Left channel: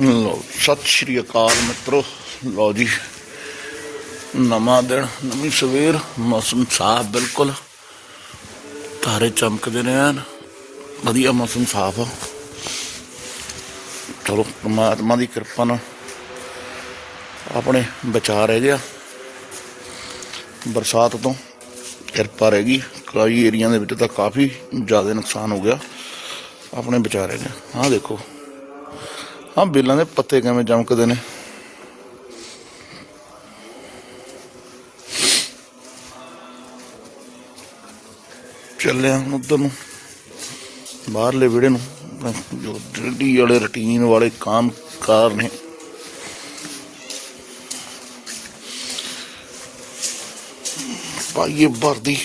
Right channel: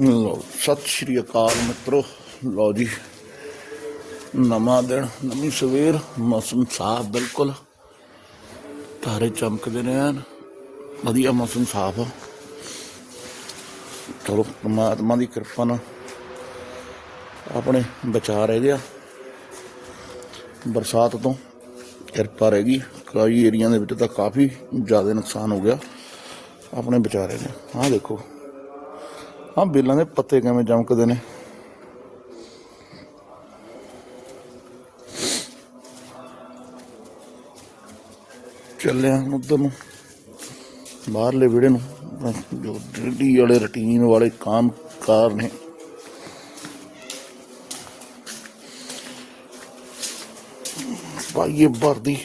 ਲਓ, ਸਤਿ ਸ਼੍ਰੀ ਅਕਾਲ ਮਿੱਤਰੋ। ਲਓ ਜੀ, ਨਵਾਂ ਦਿਨ, ਨਵੀਂ ਸਵੇਰ, ਮੌਸਮ ਸਾਫ਼ ਬਿਲਕੁਲ। ਤਾਰੇ ਚਮਕਦੇ ਨੇ ਐਨ, ਵਧੀਆ ਮੌਸਮ ਸਾਫ਼ ਆ। ਚਲੋ, ਪਰਮਾਤਮਾ ਦੀ ਕਿਰਪਾ ਨਾਲ ਆਪਣੇ ਬਚਾ ਰਹਿ ਗਿਆ ਬਰਸਾਤ ਤੋਂ ਕਿਰਪਾ ਰਹਿ ਗਈ। ਕਈ ਏਰੀਆ ਦੇ ਵਿੱਚ ਤਾਂ ਕਾਫੀ ਜ਼ਿਆਦਾ ਨੁਕਸਾਨ ਹੋ ਗਿਆ। ਆਪਣੇ ਬਚਾ ਰਹਿ ਗਿਆ ਆਹ ਦੇਖੋ। ਆਹ ਬੇਲਾਂ ਦੇ ਪੱਤੇ ਕਿਵੇਂ ਚਮਕਦੇ ਨੇ? ਚੱਲਿਆ ਉਧਰ ਨੂੰ, ਬਾਹਰਲੇ ਵਿੜੇ ਨੂੰ ਜੋ ਡਿਊਟੀ ਵਾਲੇ ਰੁਟੀਨ ਵਾਲੇ ਕੰਮ ਕਾਰ ਨੇ। ਪਾਈਏ ਵਰਦੀ,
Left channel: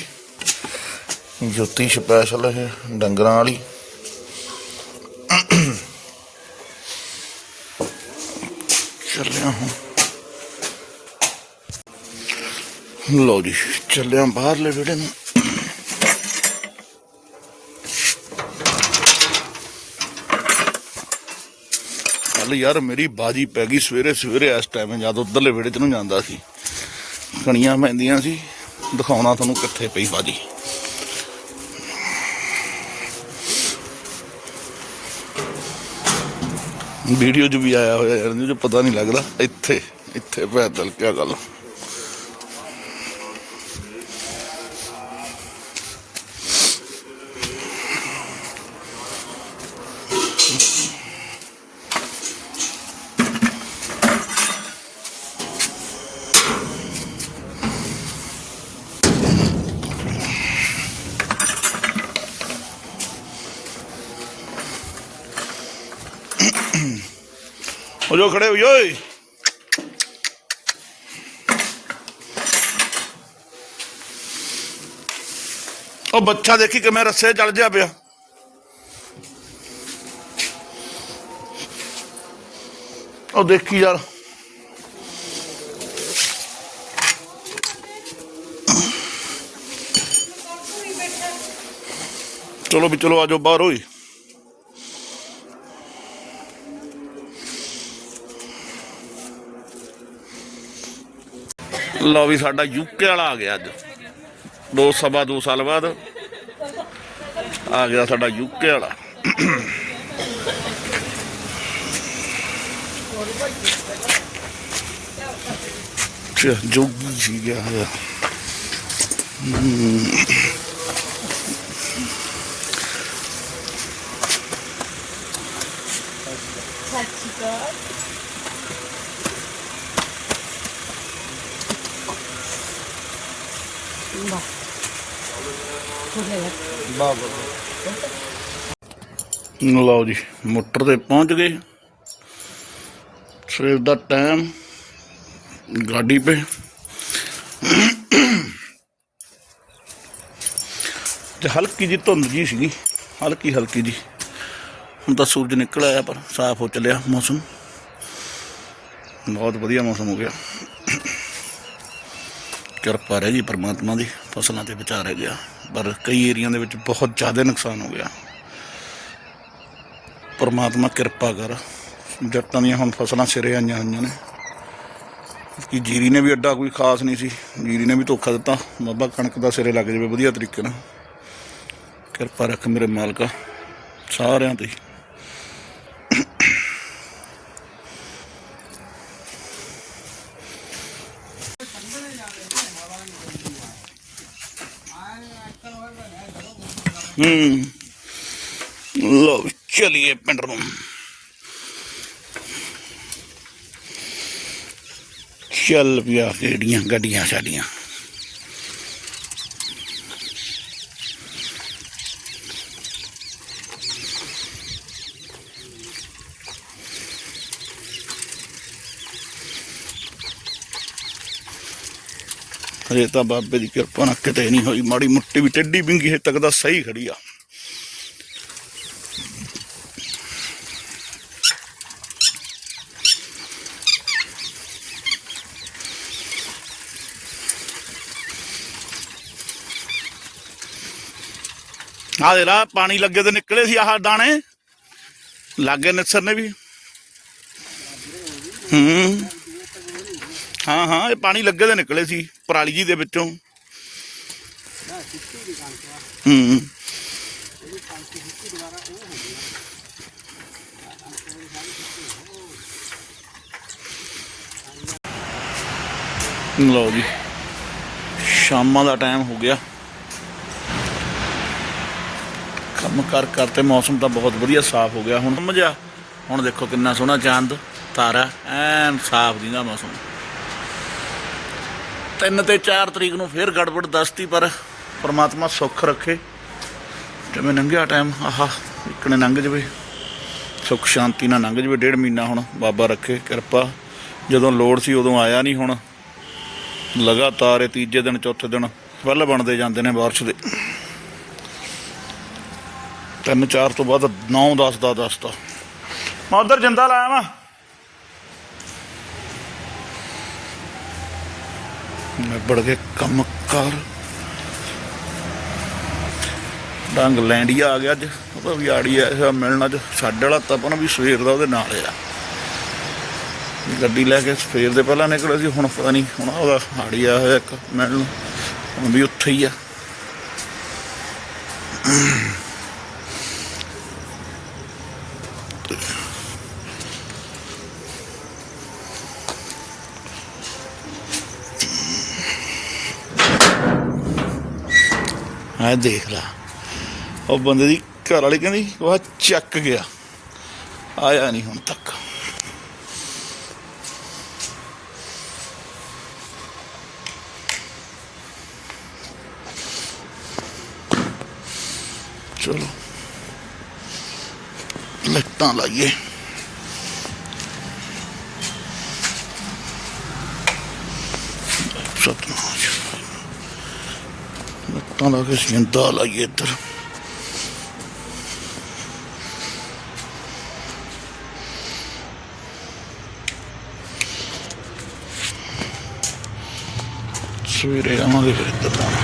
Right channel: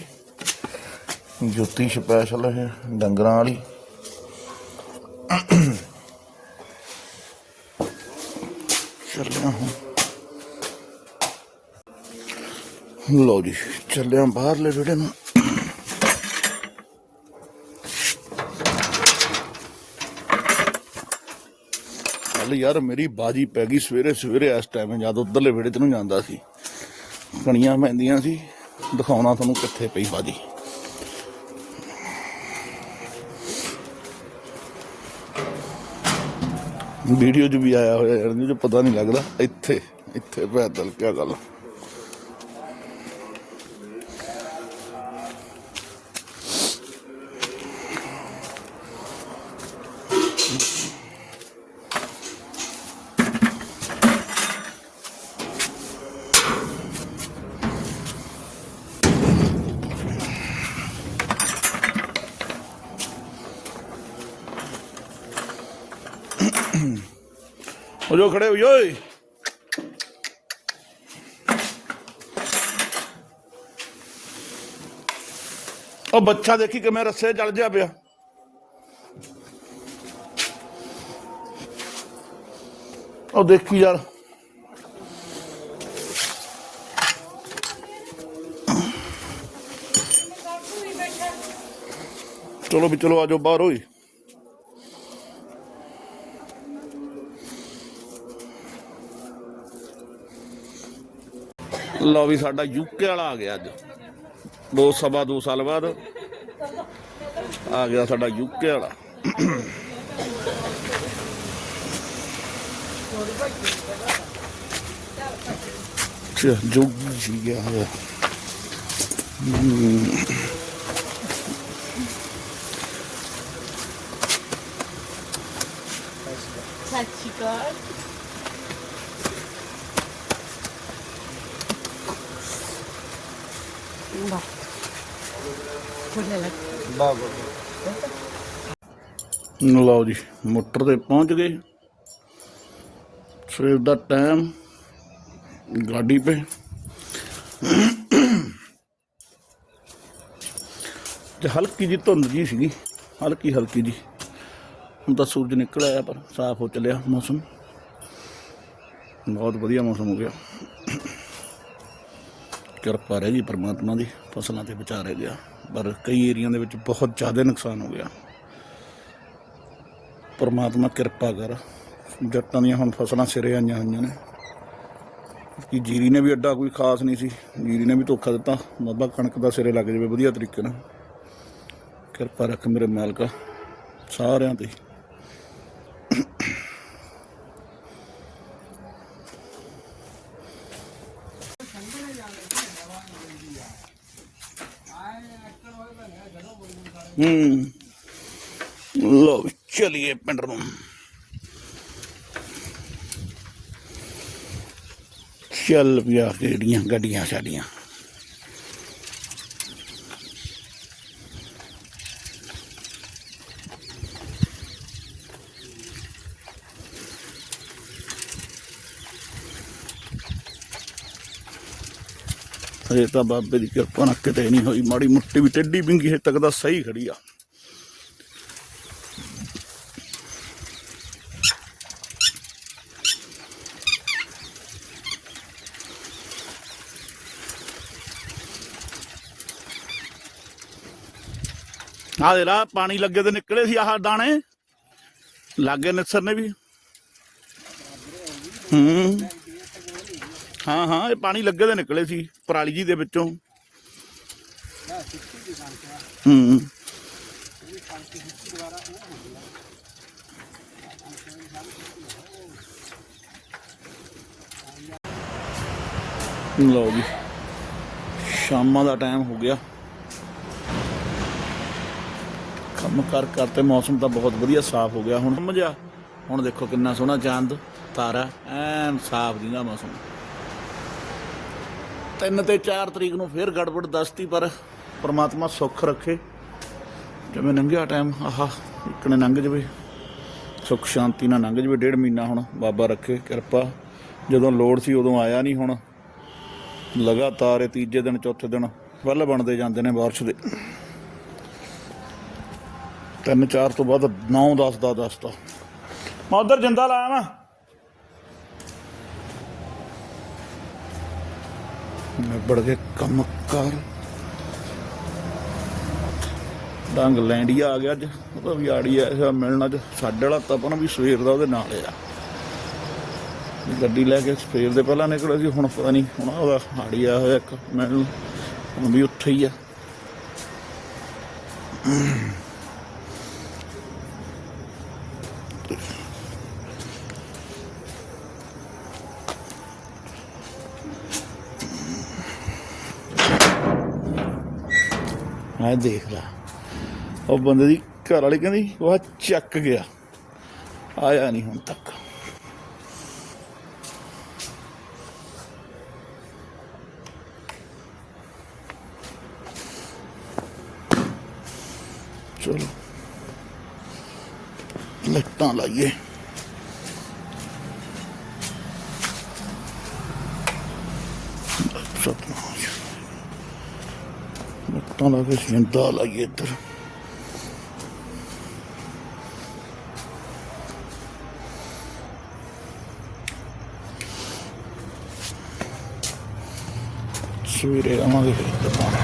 ਜੁੱਤੀ ਸਪੈਸ਼ਲ ਹੈ ਡੰਗਰਾਂ ਵਾਲੀ। ਚੱਲਿਆ ਹੁਣ। ਲਓ ਜੀ, ਚੱਲਿਆ ਬਾਹਰਲੇ ਵਿੜੇ ਨੂੰ। ਕੱਲ ਯਾਰ, ਮੇਰੀ ਬਾਜੀ ਪੈ ਗਈ ਸਵੇਰੇ ਸਵੇਰੇ, ਇਸ ਟਾਈਮ ਜਦ ਉਧਰਲੇ ਵਿੜੇ ਚ ਨੂੰ ਜਾਂਦਾ ਸੀ। ਕਣੀਆਂ ਪੈਂਦੀਆਂ ਸੀ, ਦਿਖਾਉਣਾ ਤੁਹਾਨੂੰ ਕਿੱਥੇ ਪਈ ਬਾਜੀ। ਵੀਡੀਓ 'ਚ ਵੀ ਆਇਆ ਹੋਇਆ ਯਾਰ ਇਹਦੇ ਪਤਾ ਨਹੀਂ ਲੱਗਦਾ, ਇੱਥੇ ਇੱਥੇ ਪੈਦਲ ਕਿਆ ਗੱਲ ਹੋ ਜੋ ਖੜੇ ਹੋ ਜੋ ਓਏ ਉਹ ਬੱਚਾ ਦੇਖੀ ਕਿਵੇਂ ਰੱਸੇ ਚੜ ਜਾ ਪਿਆ ਉਹ ਦੇਖੀ ਯਾਰ ਚਲੋ ਵੀ ਚਲੋ ਆਜੋ ਬਾਹਰ ਹੋਈ ਲਓ ਵੀ ਸਾਡਾ ਯੂਕੇ ਵਾਲਾ ਆ ਗਿਆ ਅੱਜ। ਦੋ ਸਵਾ ਦੋ ਸਾਲ ਬਾਅਦ ਆ ਗਿਆ ਸਾਡਾ ਯੂਕੇ ਵਾਲਾ। ਜੋਗੀ ਜੀ ਗਿਆ ਹੋਇਆ ਲਓ ਜੀ, ਮੋਟਰ ਤੇ ਪਹੁੰਚ ਗਏ। ਸਵੇਰ ਦਾ ਟਾਈਮ ਗਾਡੀ ਪੇ ਤੇ ਹਲਕੀ ਜੀ ਧੁੰਦ ਜੀ ਸੀਗੀ, ਹਲਕੀ ਹਲਕੀ ਜੀ ਹੁਣ ਤਾਂ ਸੂਰਜ ਨਿਕਲ ਆਇਆ, ਪਰ ਸਾਫ਼ ਹੋ ਚੱਲਿਆ ਮੌਸਮ। ਬਹੁਤ ਵਧੀਆ ਮੌਸਮ ਹੋ ਗਿਆ। ਕਿਰਪਾ ਰਹਿ ਗਈ ਪਰਮਾਤਮਾ ਦੀ, ਫਸਲਾਂ ਤੇ ਬਚਾ ਰਹਿ ਗਿਆ ਪਰ ਕਈ ਏਰੀਆ ਦੇ ਵਿੱਚ ਬਹੁਤ ਜ਼ਿਆਦਾ ਨੁਕਸਾਨ ਹੋ ਗਿਆ। ਪਰਮਾਤਮਾ ਕਿਰਪਾ ਕਰ ਜੱਟਾਂ ਦੀਆਂ ਹੁਣ ਫਸਲਾਂ ਸਿਰੇ ਆਈਆਂ ਹੋਈਆਂ ਨੇ। ਕਿ ਜੀਰੀ ਨੇ ਵੀ ਐਡਾ ਕੋਈ ਖਾਸ ਨਹੀਂ ਸੀ। ਜੀਰੀ ਨੇ ਵੀ ਧੋਖਾ ਦਿੱਤਾ। ਬਾਬਾ ਕਣਕ ਦਾ ਸਿਰੇ ਲੱਗ ਜਾਵੇ, ਵਧੀਆ ਤਰੀਕੇ ਨਾਲ। ਕਿਰਪਾ ਰੱਖ ਮੇਰੇ ਮਾਲਕਾ, ਸਾਰਿਆਂ ਤੇ। ਹੂੰ। ਲੋ ਚਲਿਏ ਪਿੰਡ ਨੂੰ। ਚੱਲ ਪਿਆ ਕਿਹੜੀਆਂ ਗੱਡੀਆਂ ਸਾਡੀਆਂ। ਹਜੇ ਤਾਂ ਬਾਬੇ ਦੀ ਕਿਰਪਾ ਨਾਲ ਕਿਤੇ ਨਹੀਂ ਹੋਈ। ਮਾੜੀ ਮੁੱਟੀ ਵੀ ਟੱਡੀ ਬਿੰਗੀ ਹੇ ਤੱਕ ਦਾ ਸਹੀ ਖੜੀ ਆ। ਆਹ ਦੇ ਲਾ, ਪਾਣੀ ਲੱਗੇ ਤੇ ਨਿਕਲੇ ਸੀ ਆਹ ਦਾਣੇ। ਲੱਗੇ ਨਿਸਰ ਨੇ ਵੀ। ਹੂੰ। ਹਾਂ ਹਾਂ, ਇਹ ਪਾਣੀ ਲੱਗੇ ਦੇ ਨਿਕਲੇ ਸੀ। ਪਰਾਲੀ ਜੀ ਦੇ ਵਿੱਚੋਂ ਹੂੰ ਲਓ ਜੀ ਸ਼ਾਮਾਂ ਦਾ ਟਾਈਮ ਹੋ ਗਿਆ। ਕੰਮ ਕਰ ਕਰਤੇ ਮੌਸਮ ਤਾਂ ਬਹੁਤ ਵਧੀਆ ਸਾਫ਼ ਹੋ ਗਿਆ। ਹੁਣ ਸਮਝਿਆ ਹੁਣ ਦੇਖੋ ਕਿੰਨਾ ਸੋਹਣਾ ਚੰਦ ਤਾਰਾ ਐਨ ਸਾਫ਼ ਦੀਦਾ ਮੌਸਮ। ਤਿੰਨ ਤੇ 4 ਤਰੀਕ ਨੂੰ ਫੇਰ ਗੜਬੜ ਦੱਸਤੀ, ਪਰ ਪਰਮਾਤਮਾ ਸੁੱਖ ਰੱਖੇ। ਜਿਵੇਂ ਲੰਘਿਆ ਟਾਈਮ ਆਹਾ ਇਕਣੇ ਲੰਘ ਜਵੇ, ਸੁੱਖ ਸ਼ਾਂਤੀ ਨਾਲ ਲੰਘ ਜਵੇ, ਡੇਢ ਮਹੀਨਾ ਹੁਣ ਬਾਬਾ ਰੱਖੇ, ਕਿਰਪਾ। ਜਦੋਂ ਲੋੜ ਸੀ ਉਦੋਂ ਆਇਆ ਨਹੀਂ ਹੁਣ। ਲਗਾਤਾਰ ਇਹ ਤੀਜੇ ਦਿਨ, ਚੌਥੇ ਦਿਨ ਵੱਲ ਬਣਦੇ ਜਾਂਦੇ ਨੇ ਬਾਰਿਸ਼ ਦੇ। ਤਿੰਨ ਚਾਰ ਤੋਂ ਬਾਅਦ 9 10 ਦਾ 10 ਦਾ ਮੈਂ ਉਧਰ ਜਿੰਦਾ ਲਾਇਆ ਵਾ। ਮੈਂ ਬੜ ਕੇ ਕੰਮ ਕਰ। ਡੰਗ ਲੈਂਡੀਆ ਆ ਗਿਆ ਅੱਜ। ਉਹਦਾ ਵੀ ਆੜੀ ਆ ਮਿਲਣਾ ਅੱਜ। ਸਾਡੇ ਵਾਲਾ ਤਪਨ ਵੀ ਸਵੇਰ ਦਾ ਉਹਦੇ ਨਾਲ ਆ। ਗੱਡੀ ਲੈ ਕੇ ਸਵੇਰ ਦੇ ਪਹਿਲਾਂ ਨਿਕਲਿਆ ਸੀ, ਹੁਣ ਪਤਾ ਨਹੀਂ ਹੁਣ ਉਹਦਾ ਆੜੀ ਆ ਹੋਇਆ ਇੱਕ ਮਿਲਣ। ਹੁਣ ਵੀ ਉੱਥੇ ਹੀ ਆ। ਆ ਦੇਖ ਲਾ। ਉਹ ਬੰਦੇ ਦੀ ਘਰ ਵਾਲੀ ਕਹਿੰਦੀ, ਉਹ ਚੱਕ ਗਿਆ। ਆਇਆ ਨਹੀਂ ਹੁਣ ਤੱਕ। ਚਲੋ। ਲੱਟਾਂ ਲਾਈਏ। ਲੱਟਾਂ ਲਾ ਕੇ ਸਿੰਦਾ ਲਾਈਏ ਇੱਧਰ ਸਵੇਰੇ ਆਵਾਂਗੇ ਫਿਰ ਇੱਧਰ